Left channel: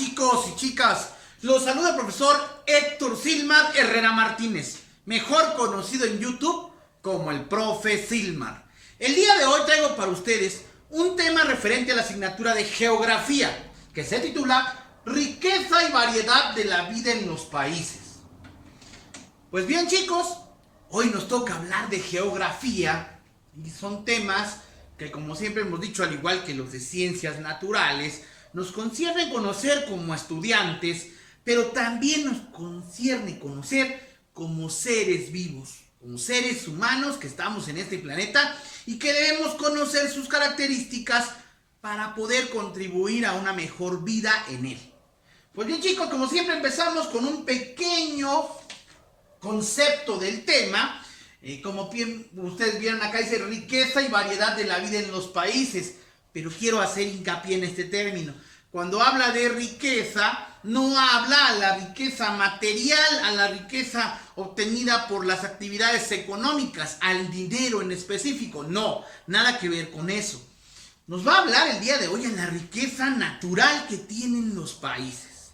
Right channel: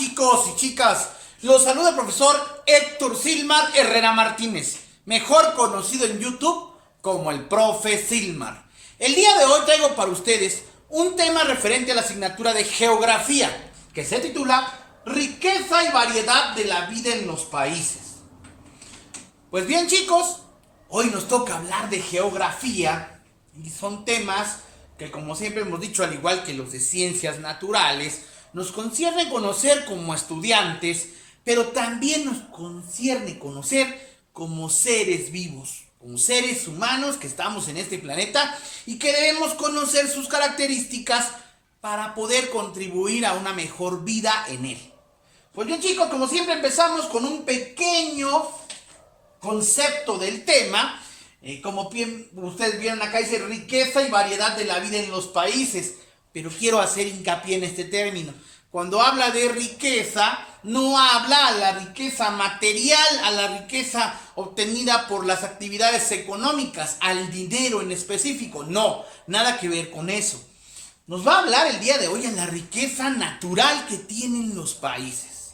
chicos y chicas, los saluda el profesor Héctor Silmar Herrera Martínez, mejor conocido en YouTube como el Profe Silmar. El día de hoy traigo para ustedes un tema referente a la asignatura de Geografía, que se titula Riqueza y variedad de la vida en los países. Pues bien chicos, hoy nos toca hablar de geografía y son temas que, como siempre hemos dicho, al igual que los de ciencias naturales, nos concierne conocer como estudiantes, pero también nos concierne conocer como seres vivos, como seres humanos que estamos en este planeta y que debemos conocer sus características para poder contribuir a una mejor vida en él. Pues bien chicos, como siempre empezamos con un pequeño concepto del tema. Como bien ustedes vieron acá, dice riqueza y variedad de la vida en los países, pero quiero hacer hincapié en este término. Cuando habla de riqueza, no habla a la riqueza material, a la riqueza obtenida por las actividades económicas, al dinero en específico. No, nada que ver con eso. Nos va a hablar el día de hoy a la riqueza natural que tienen los países.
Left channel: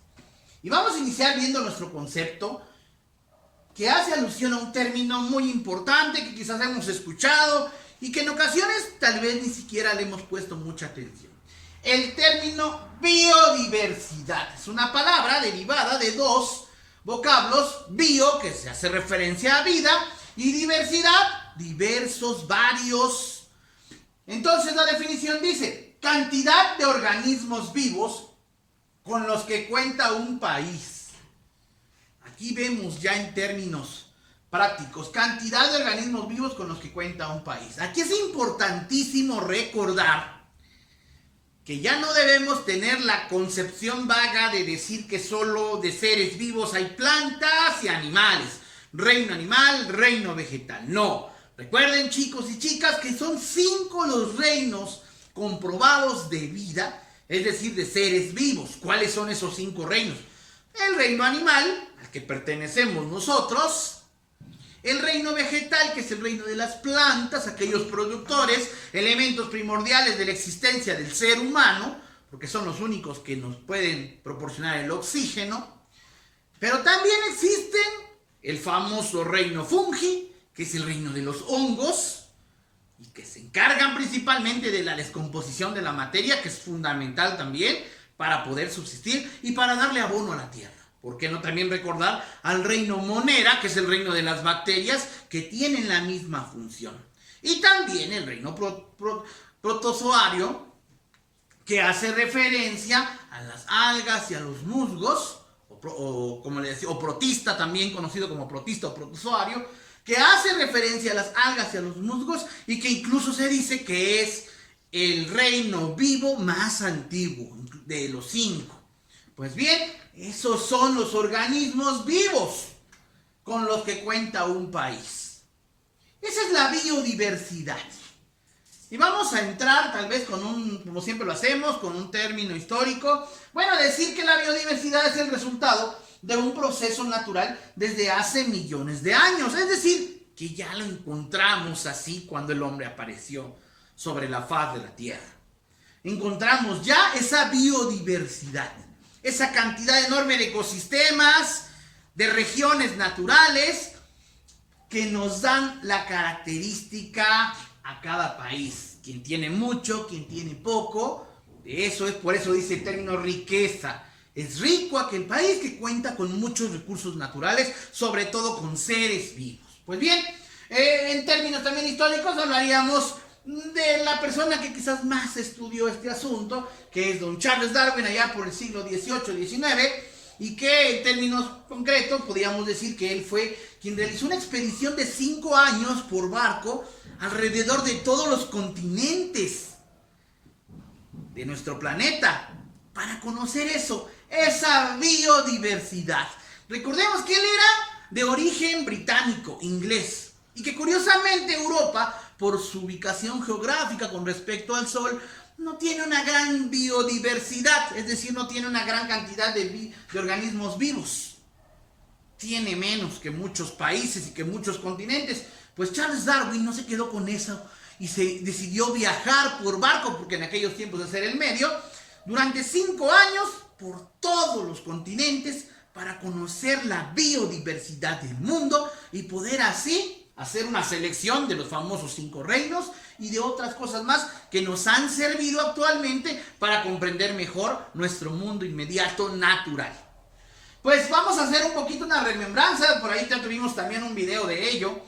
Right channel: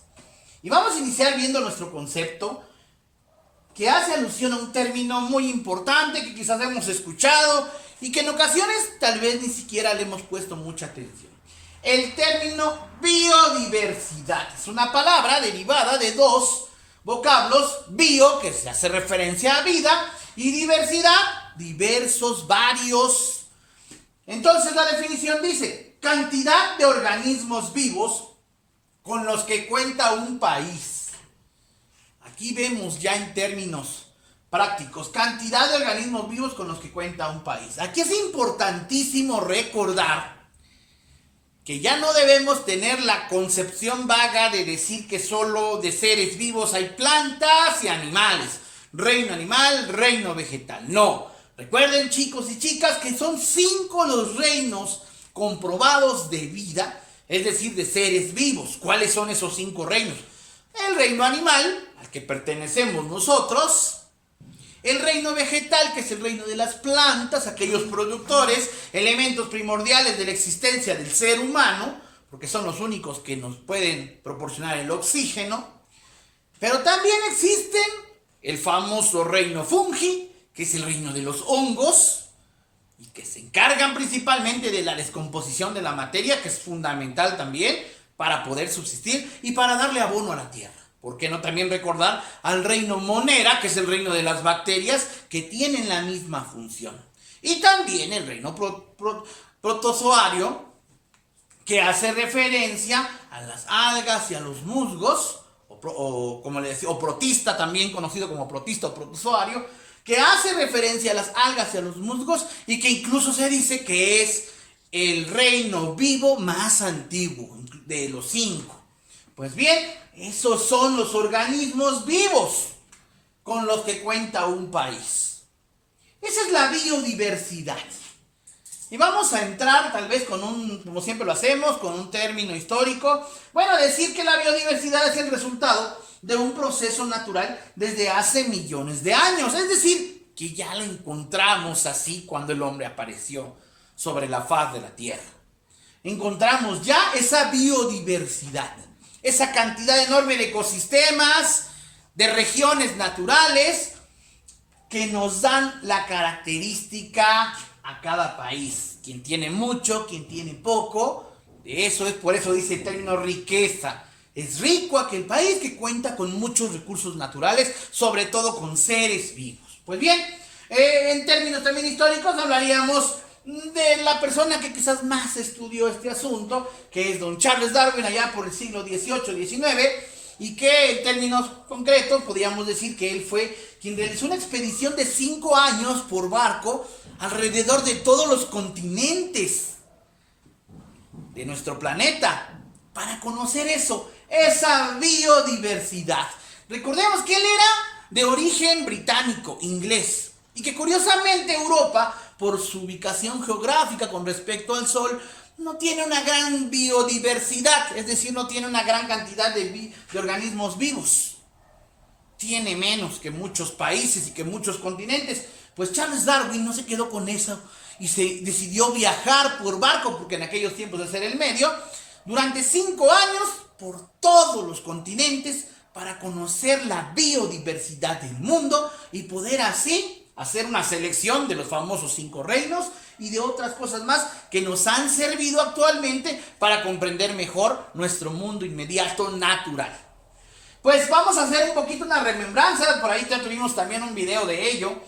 Y vamos a iniciar viendo nuestro concepto, que hace alusión a un término muy importante que quizás hemos escuchado y que en ocasiones tal vez ni siquiera le hemos puesto mucha atención. El término biodiversidad es una palabra derivada de dos vocablos: bio, que se hace referencia a vida, y diversidad, diversos, varios. Entonces la definición dice: cantidad de organismos vivos con los que cuenta un país. Aquí vemos ya en términos prácticos, cantidad de organismos vivos con los que cuenta un país. Aquí es importantísimo recordar que ya no debemos tener la concepción vaga de decir que solo de seres vivos hay plantas y animales. Reino animal, reino vegetal. No. Recuerden chicos y chicas que son 5 los reinos comprobados de vida, es decir, de seres vivos. ¿Cuáles son esos 5 reinos? El reino animal, al que pertenecemos nosotros. El reino vegetal, que es el reino de las plantas, aquellos productores, elementos primordiales de la existencia del ser humano, porque son los únicos que nos pueden proporcionar el oxígeno. Pero también existen el famoso reino fungi, que es el reino de los hongos, y que se encargan principalmente de la descomposición de la materia, que es fundamental también para poder subsistir y para darle abono a la tierra. ¿Por qué no también recordar al reino monera, que es el reino de las bacterias, que tienen la misma función? Y también el reino protozoario, que hace referencia a las algas y a los musgos, como le decía, o protista, también conocido como protista o protozoario, que hace referencia a las algas y a los musgos y que incluso se dice que es el reino vivo más antiguo de los 5. Pues bien, esos son los organismos vivos con los que cuenta un país. Esa es la biodiversidad. Y vamos a entrar tal vez con como siempre lo hacemos, con un término histórico. Bueno, decir que la biodiversidad es el resultado de un proceso natural desde hace millones de años. Es decir, que ya la encontramos así cuando el hombre apareció sobre la faz de la tierra. Encontramos ya esa biodiversidad, esa cantidad enorme de ecosistemas, de regiones naturales que nos dan la característica a cada país. Quien tiene mucho, quien tiene poco, eso es, por eso dice el término riqueza. Es rico aquel país que cuenta con muchos recursos naturales, sobre todo con seres vivos. Pues bien, en términos también históricos hablaríamos de la persona que quizás más estudió este asunto, que es don Charles Darwin, allá por el siglo XVIII, XIX, y que en términos concretos podríamos decir que él fue quien realizó una expedición de 5 años por barco alrededor de todos los continentes de nuestro planeta para conocer eso, esa biodiversidad. Recordemos que él era de origen británico, inglés, y que curiosamente Europa, por su ubicación geográfica con respecto al Sol, no tiene una gran biodiversidad, es decir, no tiene una gran cantidad de organismos vivos. Tiene menos que muchos países y que muchos continentes. Pues Charles Darwin no se quedó con eso y se decidió viajar por barco, porque en aquellos tiempos de ser el medio, durante 5 años por todos los continentes para conocer la biodiversidad del mundo y poder así hacer una selección de los famosos 5 reinos y de otras cosas más que nos han servido actualmente para comprender mejor nuestro mundo inmediato natural. Pues vamos a hacer un poquito una remembranza, por ahí ya tuvimos también un video de ello,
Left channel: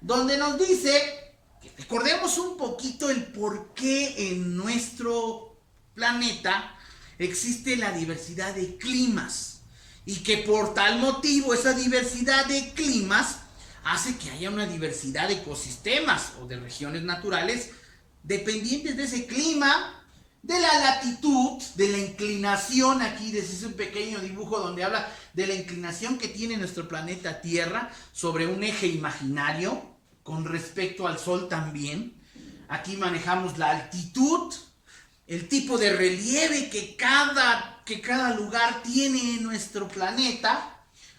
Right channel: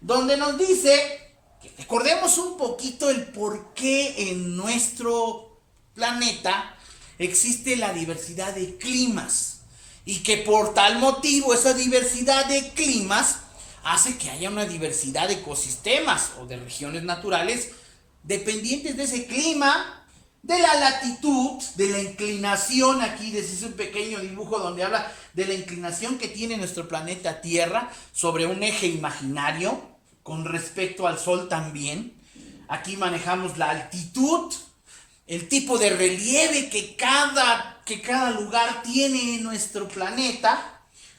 donde nos dice que recordemos un poquito el por qué en nuestro planeta existe la diversidad de climas y que por tal motivo esa diversidad de climas hace que haya una diversidad de ecosistemas o de regiones naturales dependientes de ese clima, de la latitud, de la inclinación. Aquí les hice un pequeño dibujo donde habla de la inclinación que tiene nuestro planeta Tierra sobre un eje imaginario con respecto al Sol también. Aquí manejamos la altitud, el tipo de relieve que cada lugar tiene en nuestro planeta.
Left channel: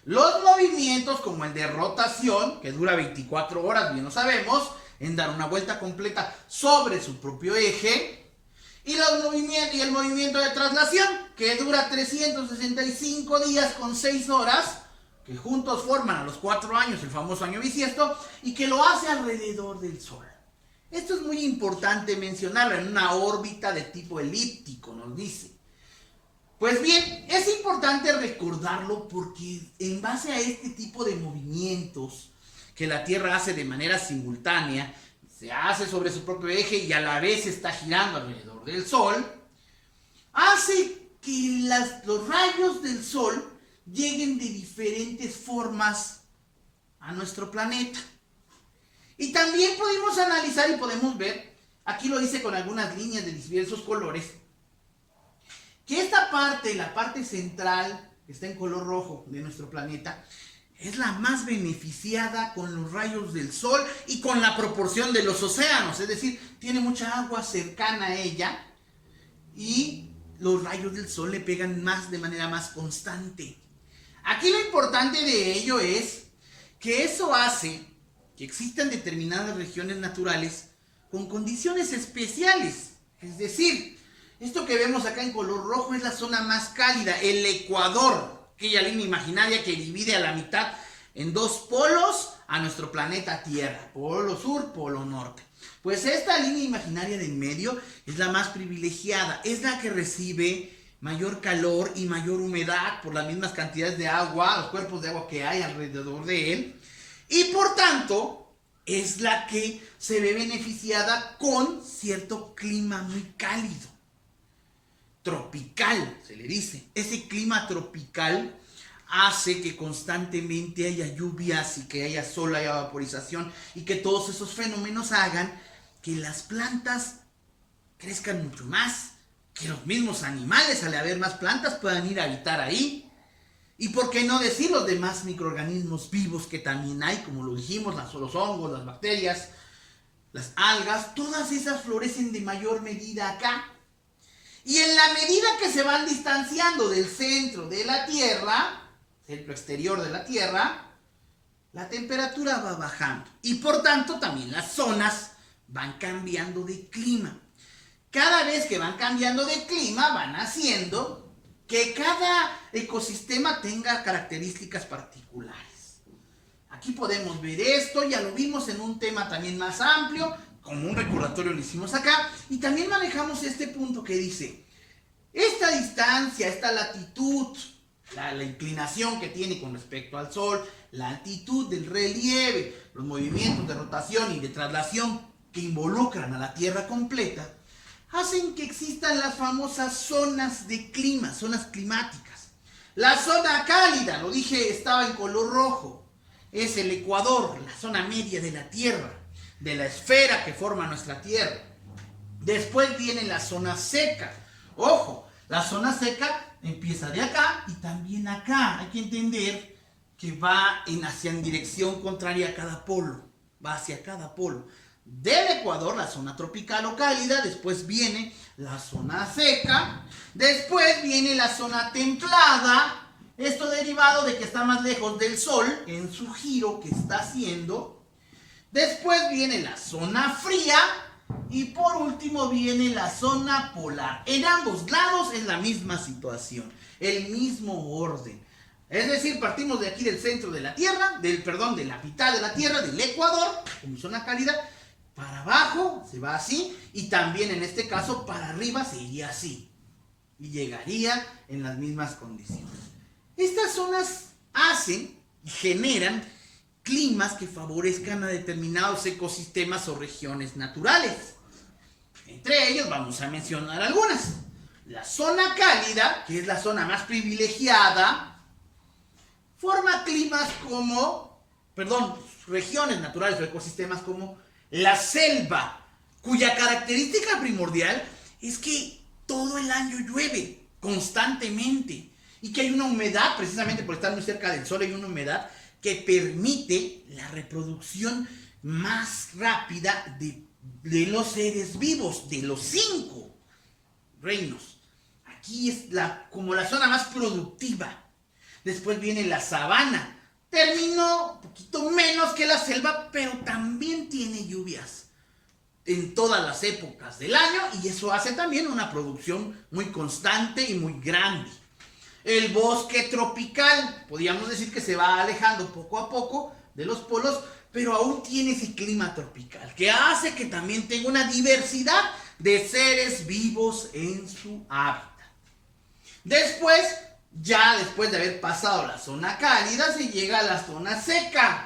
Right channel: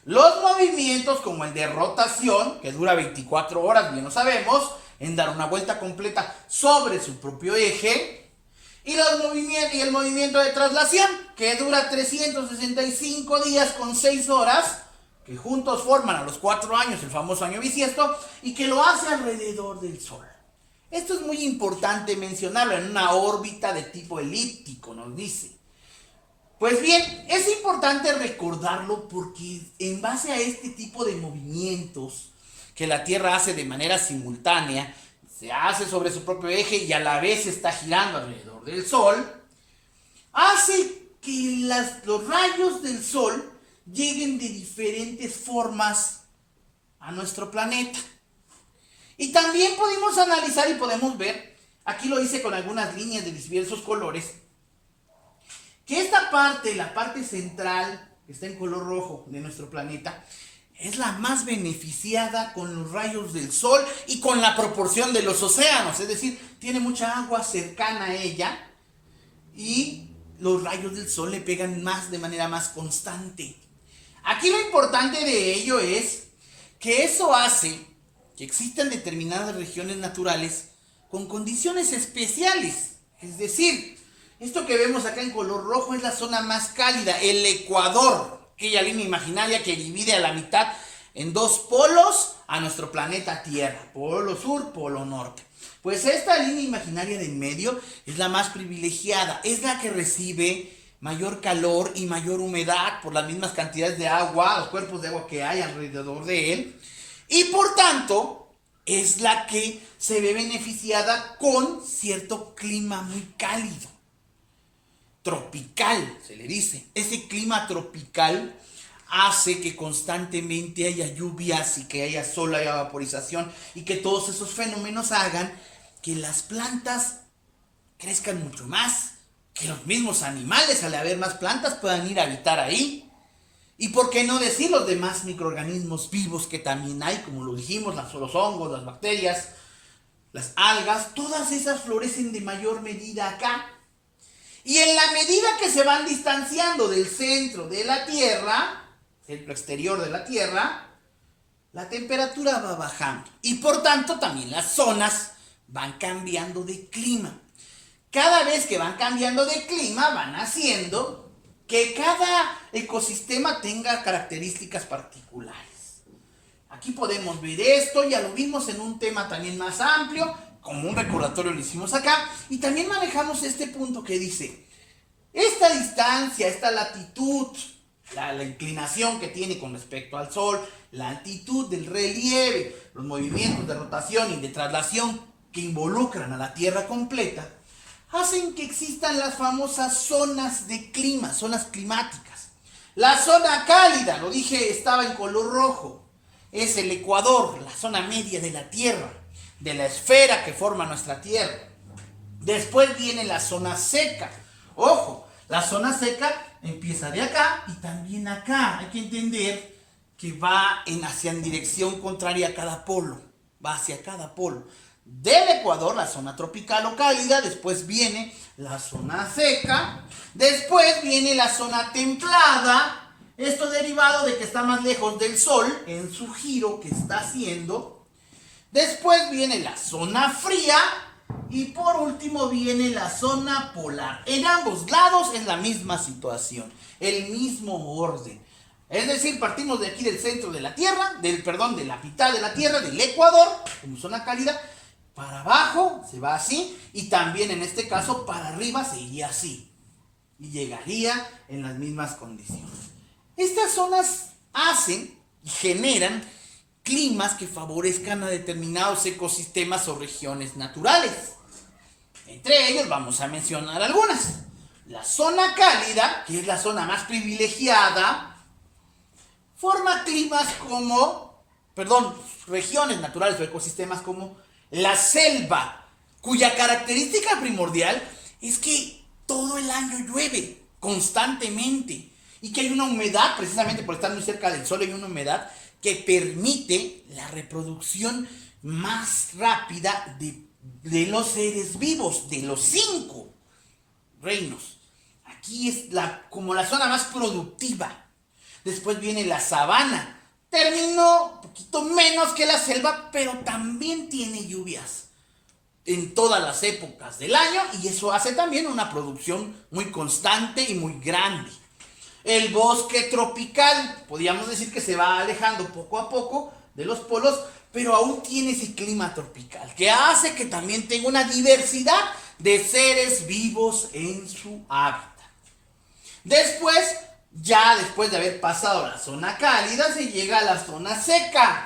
Los movimientos como el de rotación, que dura 24 horas, bien lo sabemos, en dar una vuelta completa sobre su propio eje. Y el movimiento de traslación, que dura 365 días con 6 horas, que juntos forman a los 4 años el famoso año bisiesto, y que lo hace alrededor del Sol. Esto es muy importante mencionarlo en una órbita de tipo elíptico, nos dice. Pues bien, es importante recordarlo porque en base a este tipo de movimientos que la Tierra hace de manera simultánea, se hace sobre su propio eje y a la vez está girando alrededor del Sol, hace que los rayos del Sol lleguen de diferentes formas a nuestro planeta. Y también podemos analizar y podemos ver, aquí lo hice con algunas líneas de diversos colores, que esta parte, la parte central, que está en color rojo de nuestro planeta, es la más beneficiada con los rayos del Sol y con la proporción de los océanos. Es decir, tiene mucha agua cercana a ella y los rayos del Sol le pegan de manera más constante. Aquí lo importante de ello es que eso hace que existan determinadas regiones naturales con condiciones especiales. Es decir, esto que vemos acá en color rojo es la zona más cálida, el ecuador, aquella línea imaginaria que divide a la mitad en 2 polos a nuestro planeta Tierra, polo sur, polo norte. Pues esta línea imaginaria de en medio es la más privilegiada, es la que recibe mayor calor y mayor humedad por las mismas cantidades de agua, los cuerpos de agua que hay alrededor de él, y por tanto es la que se ve beneficiada con cierto clima muy cálido. Tropical, se le dice. Ese clima tropical hace que constantemente haya lluvias y que haya sol, haya vaporización y que todos esos fenómenos hagan que las plantas crezcan mucho más, que los mismos animales, al haber más plantas, puedan ir a habitar ahí. Y por qué no decir los demás microorganismos vivos que también hay, como lo dijimos, los hongos, las bacterias, las algas, todas esas florecen de mayor medida acá. Y en la medida que se van distanciando del centro de la Tierra, centro exterior de la Tierra, la temperatura va bajando. Y por tanto también las zonas van cambiando de clima. Cada vez que van cambiando de clima, van haciendo que cada ecosistema tenga características particulares. Aquí podemos ver esto, ya lo vimos en un tema también más amplio, como un recordatorio lo hicimos acá, y también manejamos este punto que dice, esta distancia, esta latitud, la inclinación que tiene con respecto al Sol, la altitud del relieve, los movimientos de rotación y de traslación que involucran a la Tierra completa, hacen que existan las famosas zonas de clima, zonas climáticas. La zona cálida, lo dije, estaba en color rojo, es el ecuador, la zona media de la Tierra, de la esfera que forma nuestra Tierra. Después viene la zona seca. Ojo, la zona seca empieza de acá y también acá. Hay que entender que va en dirección contraria a cada polo. Va hacia cada polo. Del ecuador, la zona tropical o cálida. Después viene la zona seca. Después viene la zona templada. Esto derivado de que está más lejos del Sol en su giro que está haciendo. Después viene la zona fría Y por último viene la zona polar. En ambos lados es la misma situación, el mismo orden. Es decir, partimos de aquí del centro de la Tierra, de la mitad de la Tierra, del Ecuador, como zona cálida, para abajo se va así, y también en este caso para arriba se iría así. Y llegaría en las mismas condiciones. Estas zonas hacen y generan climas que favorezcan a determinados ecosistemas o regiones naturales. Entre ellos vamos a mencionar algunas. La zona cálida, que es la zona más privilegiada, forma regiones naturales o ecosistemas como la selva, cuya característica primordial es que todo el año llueve constantemente y que hay una humedad, precisamente por estar muy cerca del sol, hay una humedad que permite la reproducción más rápida de los seres vivos, de los 5 reinos. Aquí es como la zona más productiva. Después viene la sabana. Terminó un poquito menos que la selva, pero también tiene lluvias en todas las épocas del año, y eso hace también una producción muy constante y muy grande. El bosque tropical, podríamos decir que se va alejando poco a poco de los polos, pero aún tiene ese clima tropical, que hace que también tenga una diversidad de seres vivos en su hábitat. Después de haber pasado la zona cálida, se llega a la zona seca.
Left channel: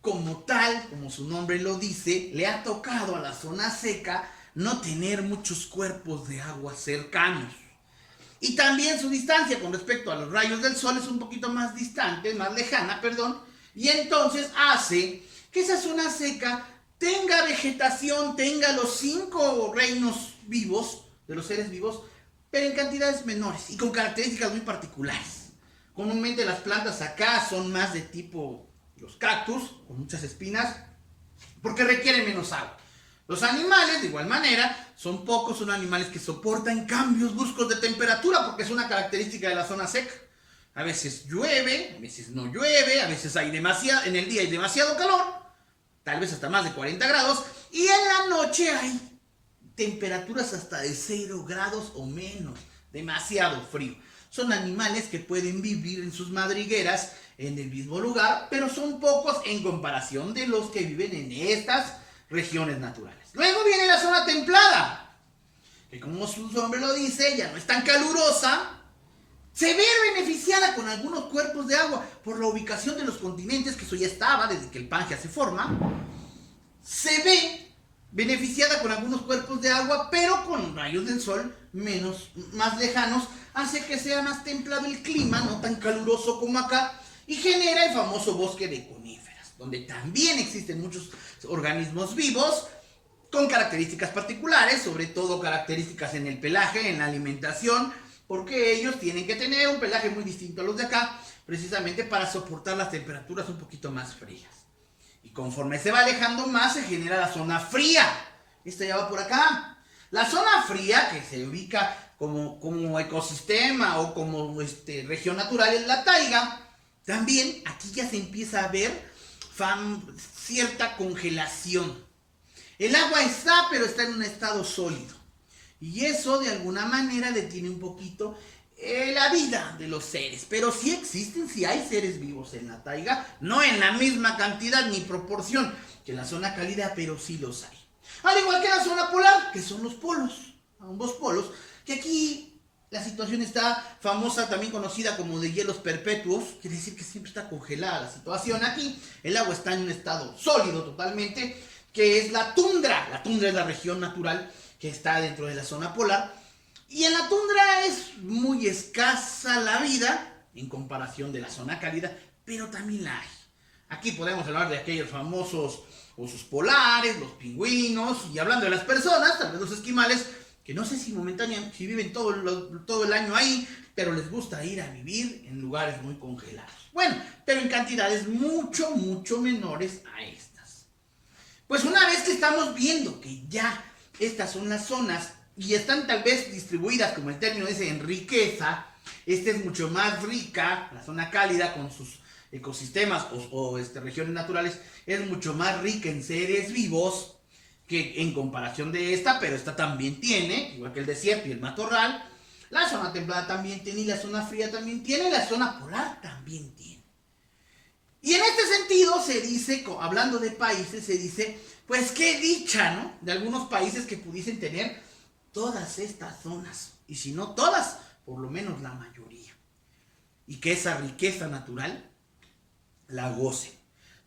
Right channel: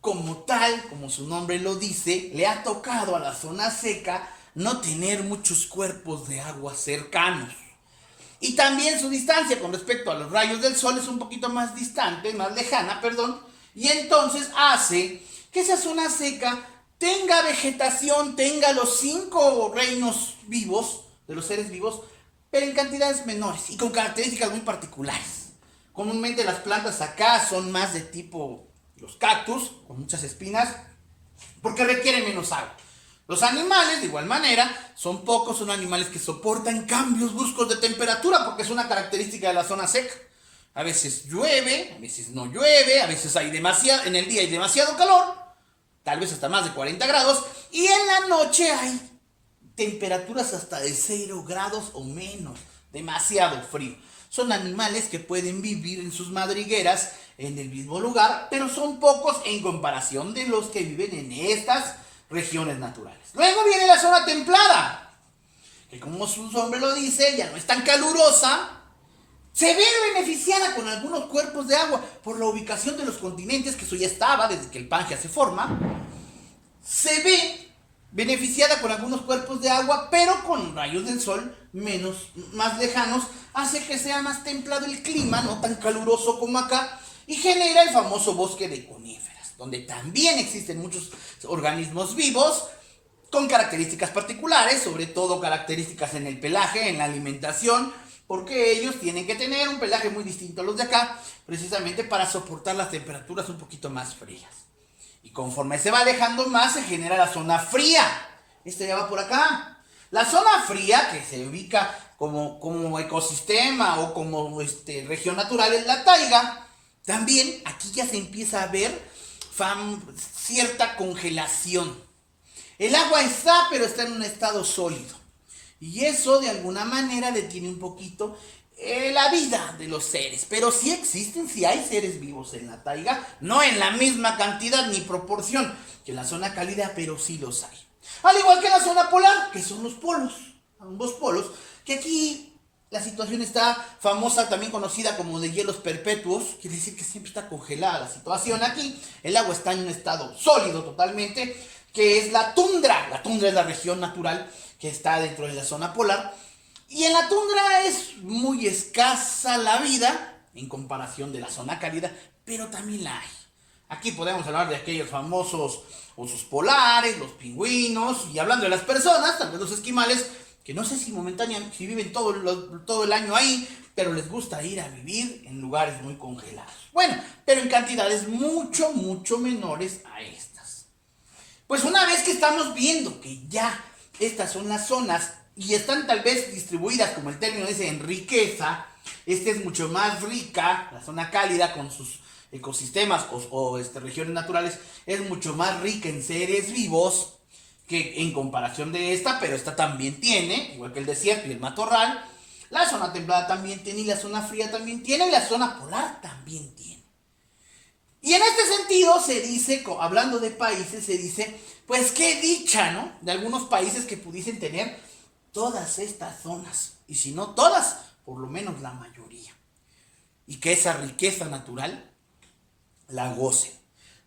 Como tal, como su nombre lo dice, le ha tocado a la zona seca no tener muchos cuerpos de agua cercanos. Y también su distancia con respecto a los rayos del sol es un poquito más lejana, y entonces hace que esa zona seca tenga vegetación, tenga los 5 reinos vivos, de los seres vivos, pero en cantidades menores y con características muy particulares. Comúnmente las plantas acá son más de tipo los cactus, con muchas espinas, porque requieren menos agua. Los animales, de igual manera, son pocos, son animales que soportan cambios bruscos de temperatura, porque es una característica de la zona seca. A veces llueve, a veces no llueve, a veces en el día hay demasiado calor, tal vez hasta más de 40 grados, y en la noche hay temperaturas hasta de 0 grados o menos, demasiado frío. Son animales que pueden vivir en sus madrigueras en el mismo lugar, pero son pocos en comparación de los que viven en estas regiones naturales. Luego viene la zona templada, que como su nombre lo dice, ya no es tan calurosa. Se ve beneficiada con algunos cuerpos de agua por la ubicación de los continentes, que eso ya estaba desde que el Pangea se forma. Se ve beneficiada con algunos cuerpos de agua, pero con rayos del sol más lejanos, hace que sea más templado el clima, no tan caluroso como acá, y genera el famoso bosque de coníferas, donde también existen muchos organismos vivos con características particulares, sobre todo características en el pelaje, en la alimentación, porque ellos tienen que tener un pelaje muy distinto a los de acá, precisamente para soportar las temperaturas un poquito más frías. Y conforme se va alejando más, se genera la zona fría. Esta ya va por acá. La zona fría, que se ubica como ecosistema o como región natural, es la taiga. También aquí ya se empieza a ver cierta congelación. El agua está, pero está en un estado sólido. Y eso de alguna manera detiene un poquito la vida de los seres. Pero sí existen, sí hay seres vivos en la taiga, no en la misma cantidad ni proporción que la zona cálida, pero sí los hay. Al igual que la zona polar, que son los polos, ambos polos, que aquí la situación está famosa, también conocida como de hielos perpetuos, quiere decir que siempre está congelada la situación aquí. El agua está en un estado sólido totalmente, que es la tundra. La tundra es la región natural que está dentro de la zona polar. Y en la tundra es muy escasa la vida en comparación de la zona cálida, pero también la hay. Aquí podemos hablar de aquellos famosos osos polares, los pingüinos, y hablando de las personas, tal vez los esquimales, que no sé si momentáneamente, si viven todo el año ahí, pero les gusta ir a vivir en lugares muy congelados. Bueno, pero en cantidades mucho, mucho menores a estas. Pues una vez que estamos viendo que ya estas son las zonas y están tal vez distribuidas, como el término dice, en riqueza, esta es mucho más rica, la zona cálida con sus ecosistemas o regiones naturales, es mucho más rica en seres vivos. que en comparación de esta, pero esta también tiene, igual que el desierto y el matorral, la zona templada también tiene, y la zona fría también tiene, y la zona polar también tiene. Y en este sentido se dice, hablando de países, se dice, pues qué dicha, ¿no? De algunos países que pudiesen tener todas estas zonas, y si no todas, por lo menos la mayoría. Y que esa riqueza natural la gocen.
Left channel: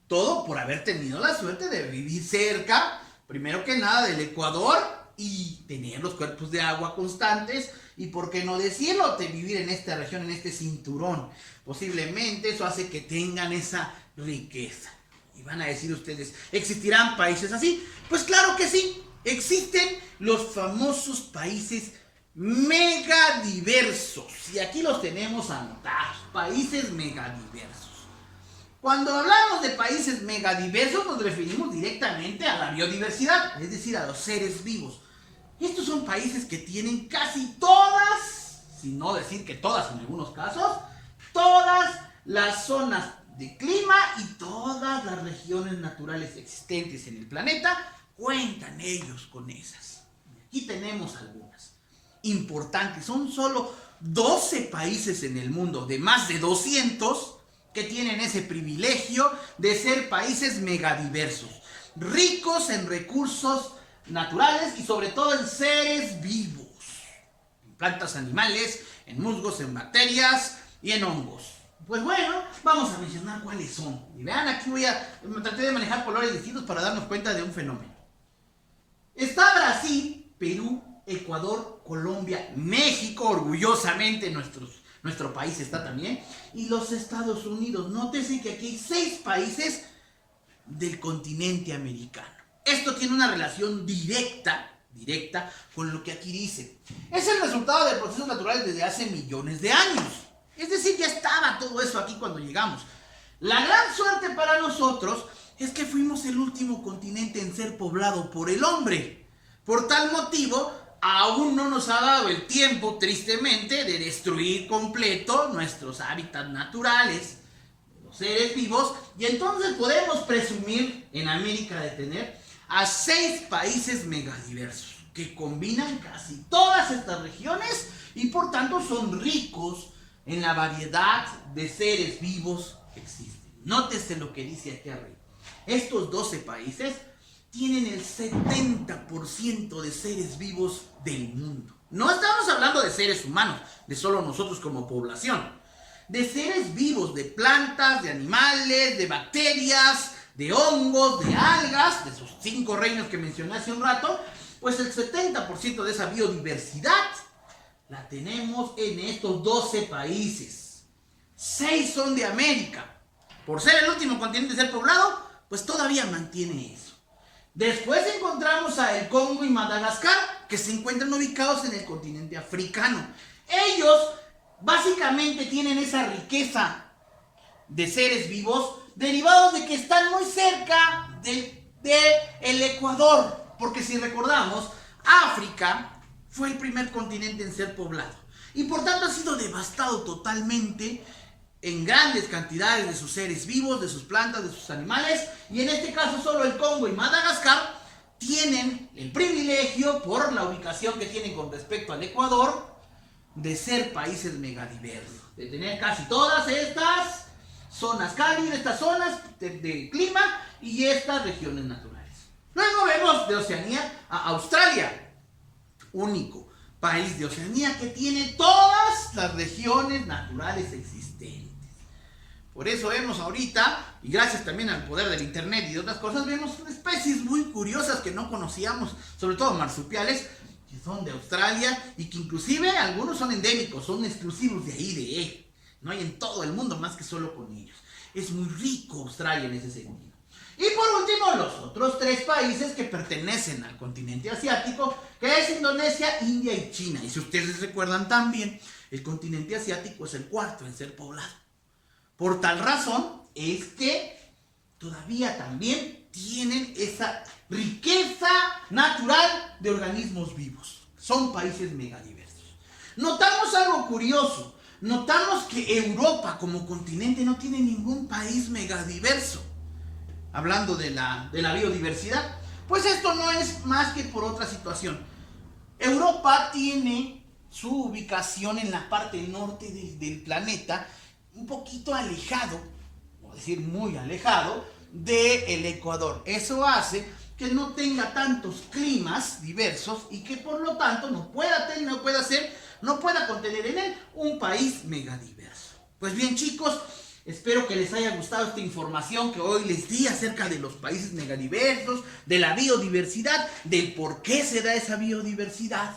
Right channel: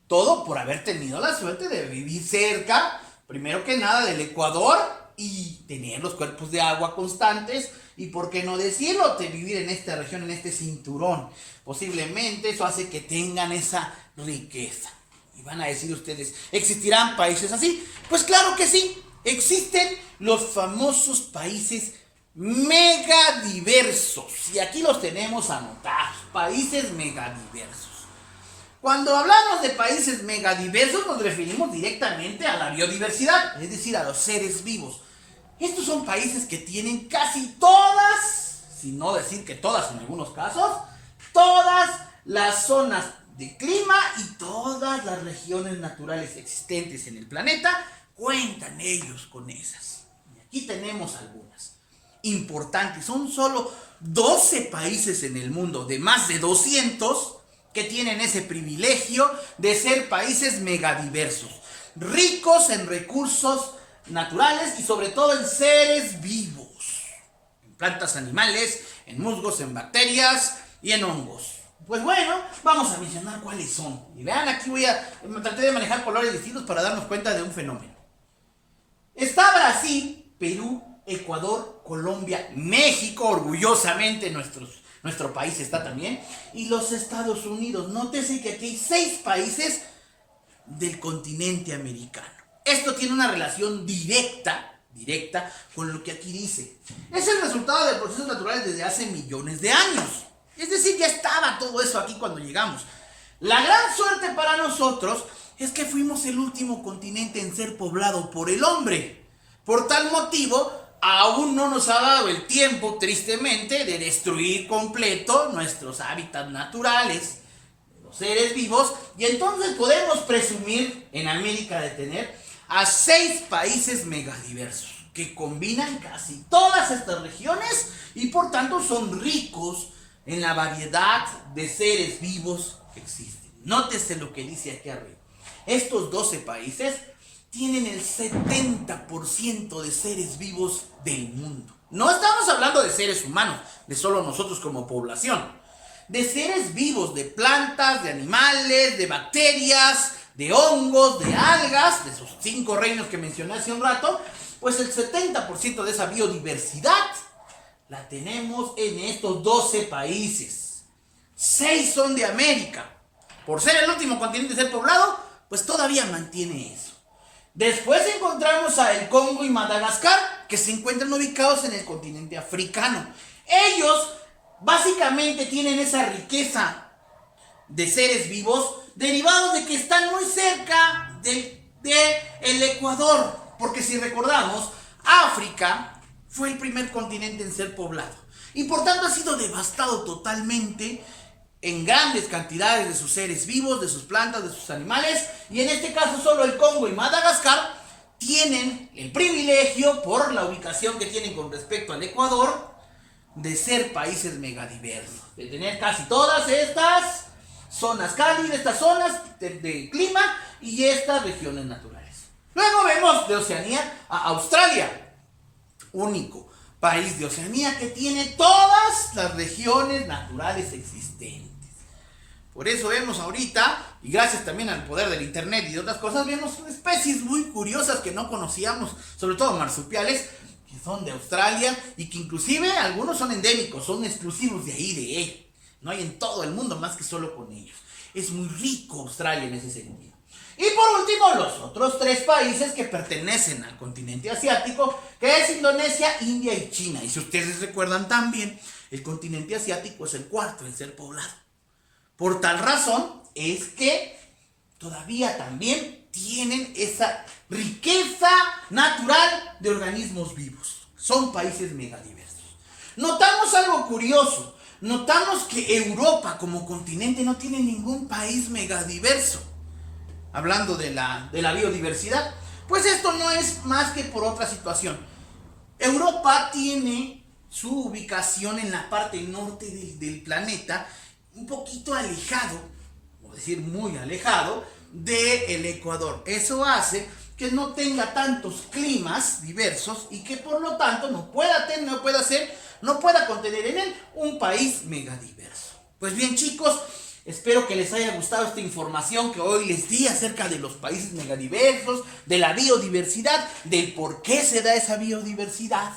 Todo por haber tenido la suerte de vivir cerca, primero que nada, del Ecuador, y tener los cuerpos de agua constantes, y por qué no decirlo, de vivir en esta región, en este cinturón. Posiblemente eso hace que tengan esa riqueza. Y van a decir ustedes, ¿existirán países así? Pues claro que sí, existen los famosos países megadiversos. Y aquí los tenemos anotados, países megadiversos. Cuando hablamos de países megadiversos nos referimos directamente a la biodiversidad, es decir, a los seres vivos. Estos son países que tienen casi todas, si no decir que todas en algunos casos, todas las zonas de clima y todas las regiones naturales existentes en el planeta, cuentan ellos con esas. Y aquí tenemos algunas importantes. Son solo 12 países en el mundo de más de 200 que tienen ese privilegio de ser países megadiversos, ricos en recursos naturales y sobre todo en seres vivos, en plantas animales, en musgos, en bacterias y en hongos. Pues bueno, vamos a mencionar cuáles son. Y vean, aquí traté de manejar colores distintos para darnos cuenta de un fenómeno. Está Brasil, Perú, Ecuador, Colombia, México, orgullosamente nuestro país está también, y los Estados Unidos. Nótese que aquí hay 6 países del continente americano. Esto tiene una relación directa con lo que aquí dice. Es el resultado de procesos naturales desde hace millones de años. Es decir, ya estaba todo eso aquí cuando llegamos. La gran suerte para nosotros es que fuimos el último continente en ser poblado por el hombre. Por tal motivo, aún no nos ha dado el tiempo, tristemente, de destruir completo nuestros hábitats naturales, los seres vivos, y entonces podemos presumir en América de tener a 6 países megadiversos que combinan casi todas estas regiones y por tanto son ricos en la variedad de seres vivos que existen. Nótese lo que dice aquí arriba. Estos 12 países tienen el 70% de seres vivos del mundo. No estamos hablando de seres humanos, de solo nosotros como población. De seres vivos, de plantas, de animales, de bacterias, de hongos, de algas, de esos 5 reinos que mencioné hace un rato, pues el 70% de esa biodiversidad la tenemos en estos 12 países. 6 son de América. Por ser el último continente en ser poblado, pues todavía mantiene eso. Después encontramos a el Congo y Madagascar, que se encuentran ubicados en el continente africano. Ellos básicamente tienen esa riqueza de seres vivos derivados de que están muy cerca del Ecuador. Porque si recordamos, África fue el primer continente en ser poblado y por tanto ha sido devastado totalmente en grandes cantidades de sus seres vivos, de sus plantas, de sus animales, y en este caso solo el Congo y Madagascar tienen el privilegio, por la ubicación que tienen con respecto al Ecuador, de ser países megadiversos, de tener casi todas estas zonas cálidas, estas zonas de clima y estas regiones naturales. Luego vemos de Oceanía a Australia, único país de Oceanía que tiene todas las regiones naturales existentes. Por eso vemos ahorita, y gracias también al poder del internet y de otras cosas, vemos especies muy curiosas que no conocíamos, sobre todo marsupiales, que son de Australia y que inclusive algunos son endémicos, son exclusivos de ahí, de él. No hay en todo el mundo más que solo con ellos. Es muy rico Australia en ese sentido. Y por último, los otros 3 países que pertenecen al continente asiático, que es Indonesia, India y China. Y si ustedes recuerdan también, el continente asiático es el 4º en ser poblado. Por tal razón es que todavía también tienen esa riqueza natural de organismos vivos. Son países megadiversos. Notamos algo curioso. Notamos que Europa como continente no tiene ningún país megadiverso. Hablando de la biodiversidad, Pues esto no es más que por otra situación. Europa tiene su ubicación en la parte norte del planeta, un poquito alejado, o decir muy alejado, del Ecuador. Eso hace que no tenga tantos climas diversos y que por lo tanto no pueda contener en él un país megadiverso. Pues bien, chicos, espero que les haya gustado esta información que hoy les di acerca de los países megadiversos, de la biodiversidad, del por qué se da esa biodiversidad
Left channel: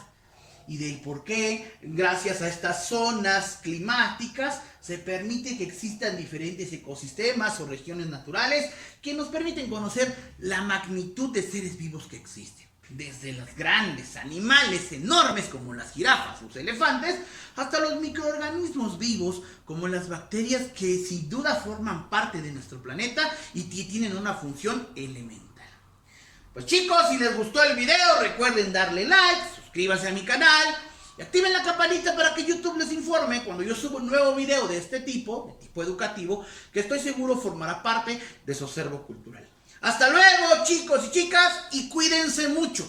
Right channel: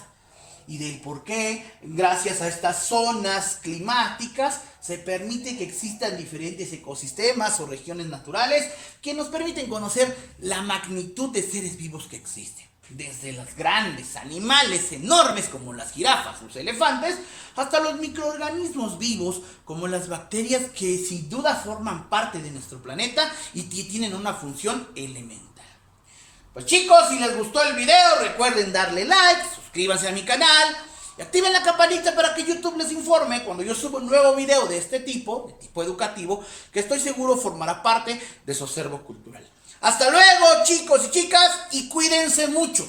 y del por qué, gracias a estas zonas climáticas, se permite que existan diferentes ecosistemas o regiones naturales que nos permiten conocer la magnitud de seres vivos que existen. Desde los grandes animales enormes como las jirafas, los elefantes, hasta los microorganismos vivos como las bacterias que sin duda forman parte de nuestro planeta y que tienen una función elemental. Pues chicos, si les gustó el video, recuerden darle like, suscríbanse a mi canal y activen la campanita para que YouTube les informe cuando yo suba un nuevo video de este tipo, de tipo educativo, que estoy seguro formará parte de su acervo cultural. Hasta luego, chicos y chicas, y cuídense mucho.